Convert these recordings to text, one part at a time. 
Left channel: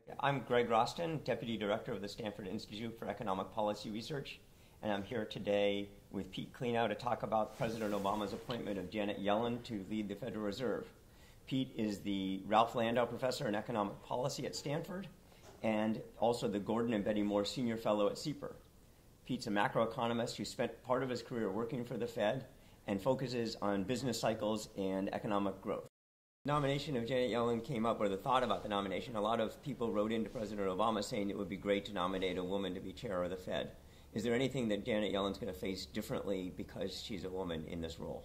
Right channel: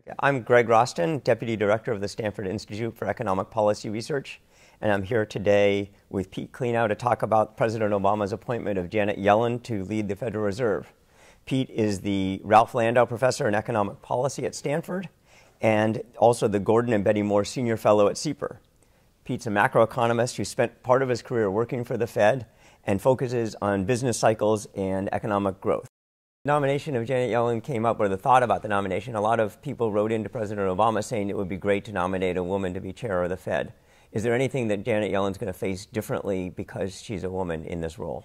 Okay. I'm Greg Rosston, Deputy Director of the Stanford Institute for Economic Policy Research, and I'm here today with Pete Klenow to talk about President Obama's appointment of Janet Yellen to lead the Federal Reserve. Pete is the Ralph Landau Professor in Economic Policy at Stanford and also the Gordon and Betty Moore Senior Fellow at SIEPR. Pete's a macroeconomist who spent part of his career working for the Fed and focuses on business cycles and economic growth. The nomination of Janet Yellen came up, or the thought about the nomination. A lot of people wrote into President Obama saying it would be great to nominate a woman to be chair of the Fed. Is there anything that Janet Yellen's going to face differently because she's a woman in this role?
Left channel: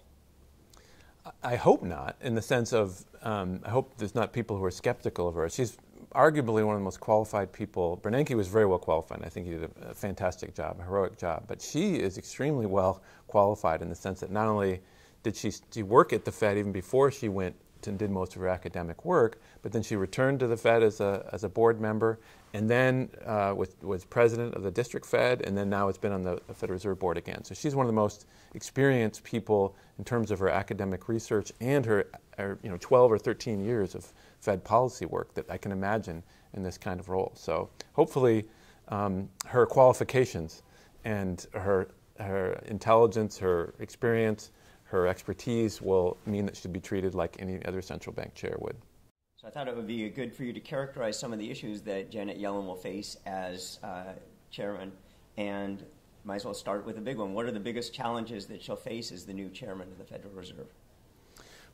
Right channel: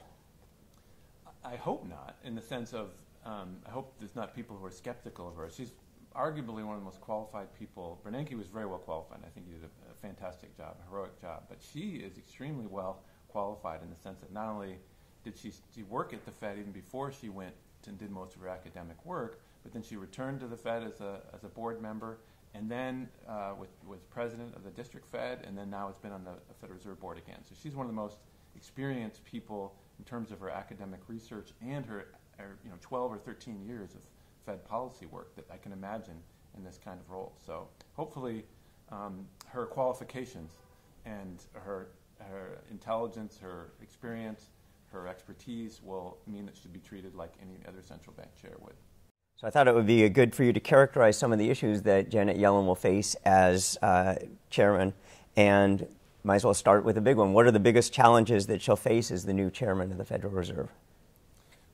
I hope not, in the sense of, I hope there's not people who are skeptical of her. She's arguably one of the most qualified people. Bernanke was very well qualified, and I think he did a fantastic job, a heroic job. But she is extremely well qualified in the sense that not only did she work at the Fed even before she went and did most of her academic work, but then she returned to the Fed as a board member, and then was president of the district Fed, and then now has been on the Federal Reserve Board again. So she's one of the most experienced people in terms of her academic research and her 12 or 13 years of Fed policy work that I can imagine in this kind of role. So hopefully her qualifications and her intelligence, her experience, her expertise will mean that she'll be treated like any other central bank chair would. So I thought it would be good for you to characterize some of the issues that Janet Yellen will face as chairman, and might as well start with a big one. What are the biggest challenges that she'll face as the new chairman of the Federal Reserve?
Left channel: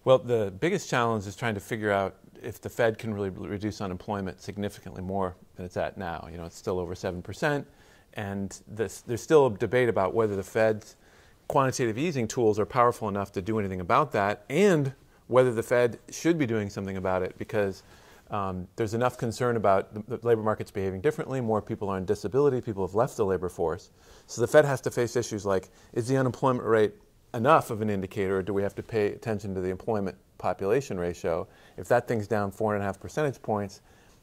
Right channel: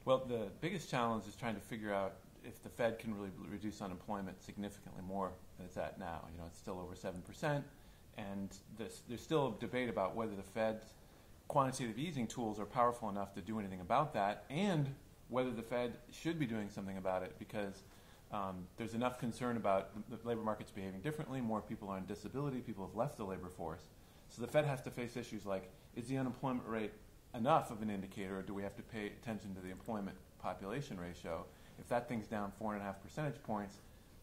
Well, the biggest challenge is trying to figure out if the Fed can really reduce unemployment significantly more than it's at now. You know, it's still over 7%, and there's still a debate about whether the Fed's quantitative easing tools are powerful enough to do anything about that, and whether the Fed should be doing something about it, because there's enough concern about the labor markets behaving differently. More people are on disability. People have left the labor force. So the Fed has to face issues like, is the unemployment rate enough of an indicator, or do we have to pay attention to the employment population ratio? If that thing's down 4.5 percentage points,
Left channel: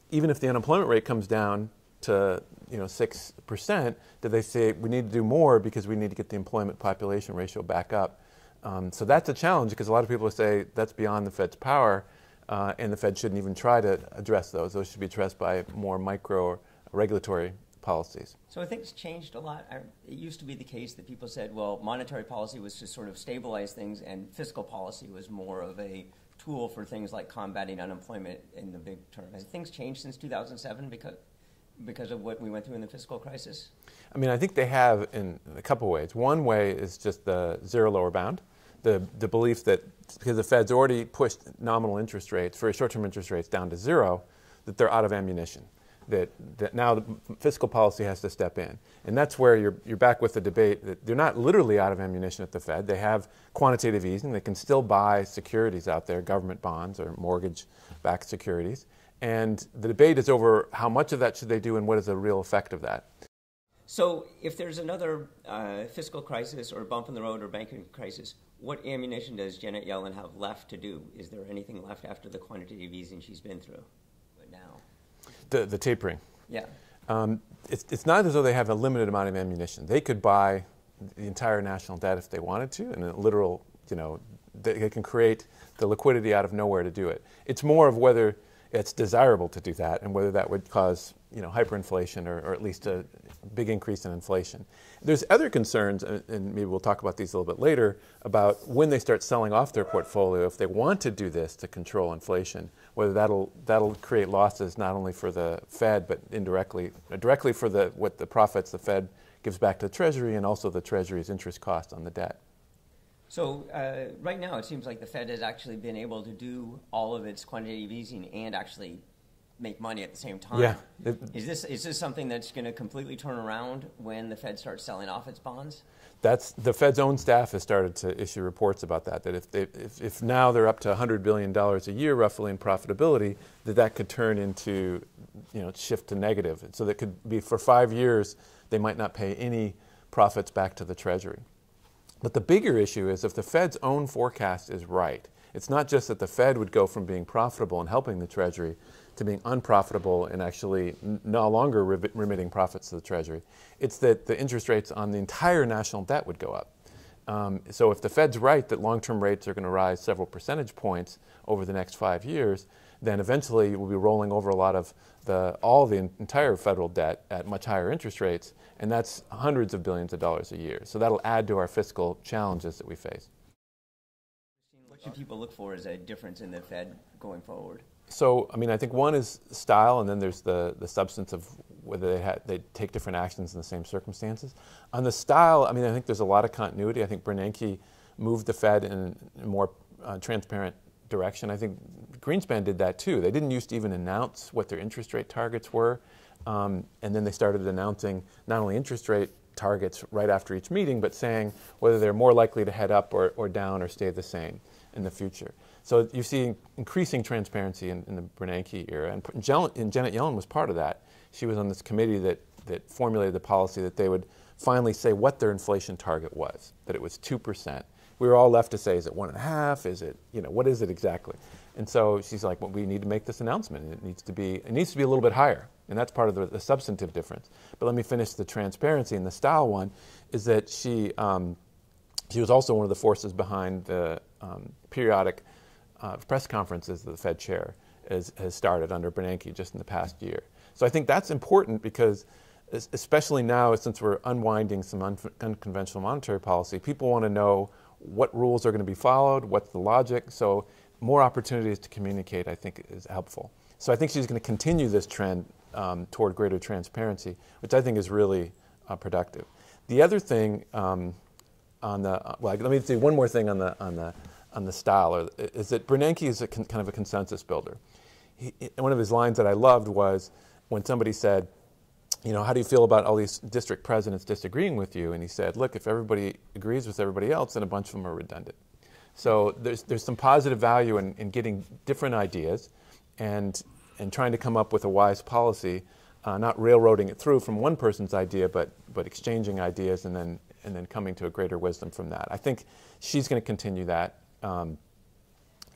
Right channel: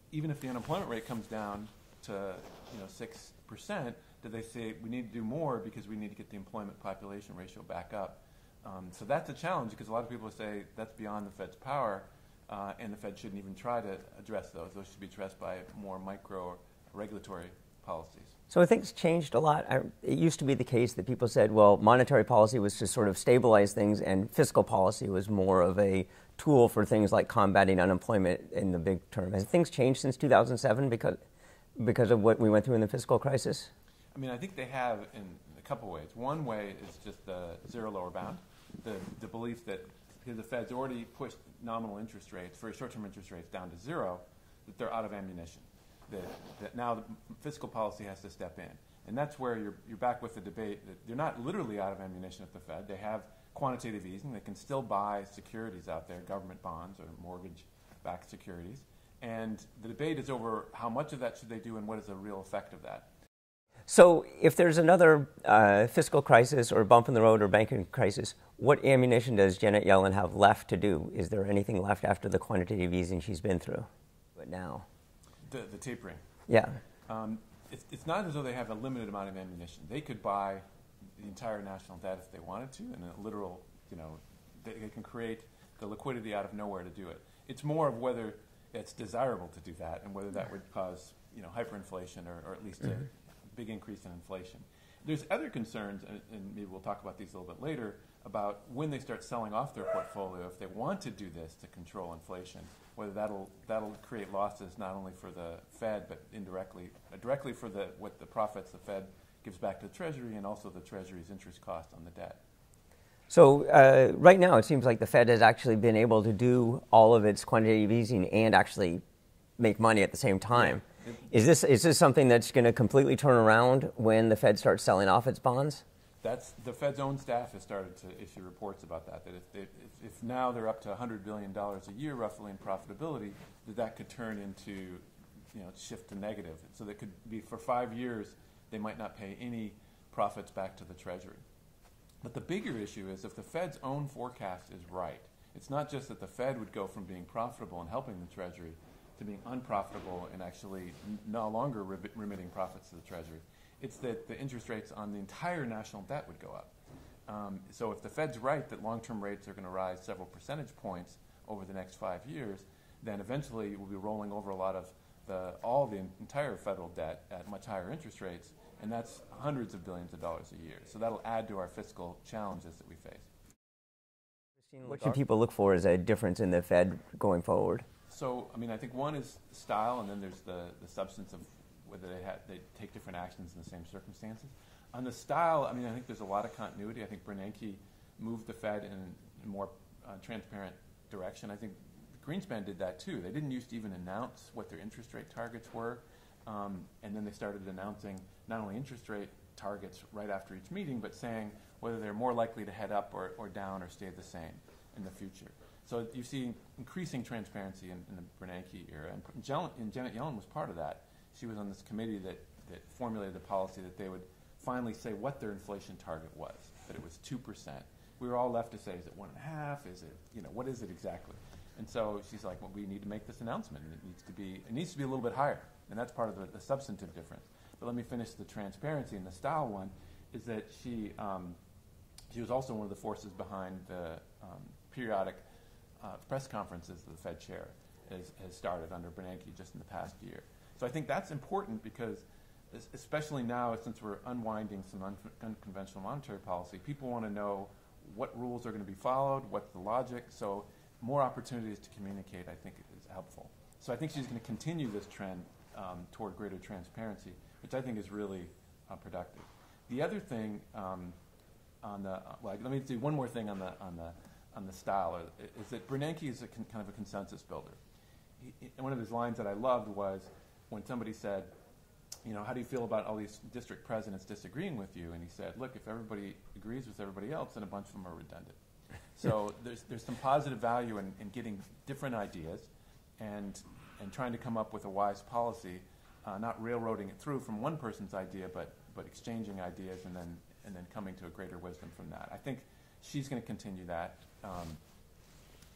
even if the unemployment rate comes down to 6%, do they say we need to do more because we need to get the employment population ratio back up? So that's a challenge, because a lot of people say that's beyond the Fed's power, and the Fed shouldn't even try to address those. Those should be addressed by more micro regulatory policies. So I think it's changed a lot. It used to be the case that people said, well, monetary policy was to sort of stabilize things, and fiscal policy was more of a tool for things like combating unemployment in the big term. Has things changed since 2007 because of what we went through in the fiscal crisis? I mean, I think they have in a couple ways. One way is just the zero lower bound, the belief that because the Fed's already pushed nominal interest rates, very short-term interest rates, down to zero, that they're out of ammunition, that now the fiscal policy has to step in. And that's where you're back with the debate that they're not literally out of ammunition at the Fed. They have quantitative easing. They can still buy securities out there, government bonds or mortgage-backed securities. And the debate is over how much of that should they do and what is the real effect of that. So if there's another fiscal crisis or bump in the road or banking crisis, what ammunition does Janet Yellen have left to do? Is there anything left after the quantitative easing she's been through? But now? The tapering. Yeah. It's not as though they have a limited amount of ammunition. They could buy the entire national debt if they wanted to, and a literal, they can create the liquidity out of nowhere to do it. It's more of whether it's desirable to do that and whether that would cause, hyperinflation or at least a big increase in inflation. There's other concerns, and maybe we'll talk about these a little bit later, about when they start selling off their portfolio, if they want to do this to control inflation, whether that'll create losses not only for the Fed, but directly for what the profits the Fed gives back to the Treasury, and also the Treasury's interest cost on the debt. So right now it seems like the Fed has actually been able to do all of its quantitative easing and actually make money at the same time. Yeah. Is this something that's going to completely turn around when the Fed starts selling off its bonds? That's the Fed's own staff has started to issue reports about that. That if now they're up to $100 billion a year roughly in profitability, that could turn into shift to negative. So that could be for 5 years they might not pay any profits back to the Treasury. But the bigger issue is if the Fed's own forecast is right. It's not just that the Fed would go from being profitable and helping the Treasury to being unprofitable and actually no longer remitting profits to the Treasury. It's that the interest rates on the entire national debt would go up. So if the Fed's right that long-term rates are going to rise several percentage points over the next 5 years, then eventually we'll be rolling over a lot of all the entire federal debt at much higher interest rates, and that's hundreds of billions of dollars a year. So that'll add to our fiscal challenges that we face. What should people look for as a difference in the Fed going forward? So, I mean, I think one is style, and then there's the substance of whether they take different actions in the same circumstances. On the style, I mean, I think there's a lot of continuity. I think Bernanke moved the Fed in a more transparent direction. I think Greenspan did that too. They didn't used to even announce what their interest rate targets were, and then they started announcing not only interest rate targets right after each meeting, but saying whether they're more likely to head up or down or stay the same in the future. So you see increasing transparency in the Bernanke era, and Janet Yellen was part of that. She was on this committee that formulated the policy that they would finally say what their inflation target was, that it was 2%. We were all left to say, is it 1.5? Is it, what is it exactly? And so she's like, well, we need to make this announcement. It needs to be a little bit higher, and that's part of the substantive difference. But let me finish the transparency. And the style one is that she was also one of the forces behind the periodic press conferences that the Fed chair has started under Bernanke just in the past year. So I think that's important because, especially now, since we're unwinding some unconventional monetary policy, people want to know what rules are going to be followed, what's the logic. So more opportunities to communicate, I think, is helpful. So I think she's going to continue this trend toward greater transparency, which I think is really productive. The other thing let me say one more thing on the style, is that Bernanke is kind of a consensus builder. One of his lines that I loved was when somebody said, how do you feel about all these district presidents disagreeing with you? And he said, look, if everybody agrees with everybody else, then a bunch of them are redundant. So there's some positive value in getting different ideas and trying to come up with a wise policy, not railroading it through from one person's idea, but exchanging ideas and then coming to a greater wisdom from that. I think she's going to continue that.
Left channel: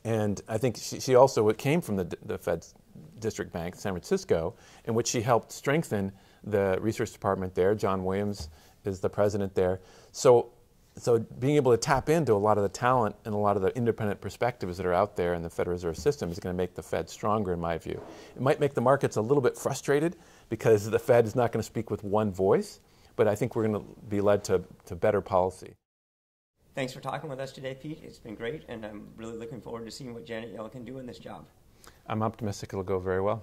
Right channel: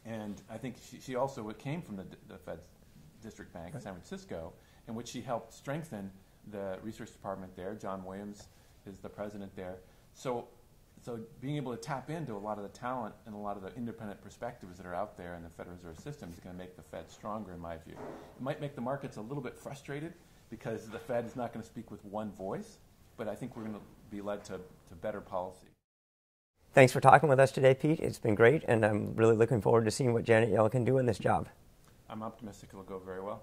And I think she also came from the Fed's district bank, San Francisco, in which she helped strengthen the research department there. John Williams is the president there. So being able to tap into a lot of the talent and a lot of the independent perspectives that are out there in the Federal Reserve System is going to make the Fed stronger, in my view. It might make the markets a little bit frustrated because the Fed is not going to speak with one voice, but I think we're going to be led to better policy. Thanks for talking with us today, Pete. It's been great, and I'm really looking forward to seeing what Janet Yellen can do in this job. I'm optimistic it'll go very well.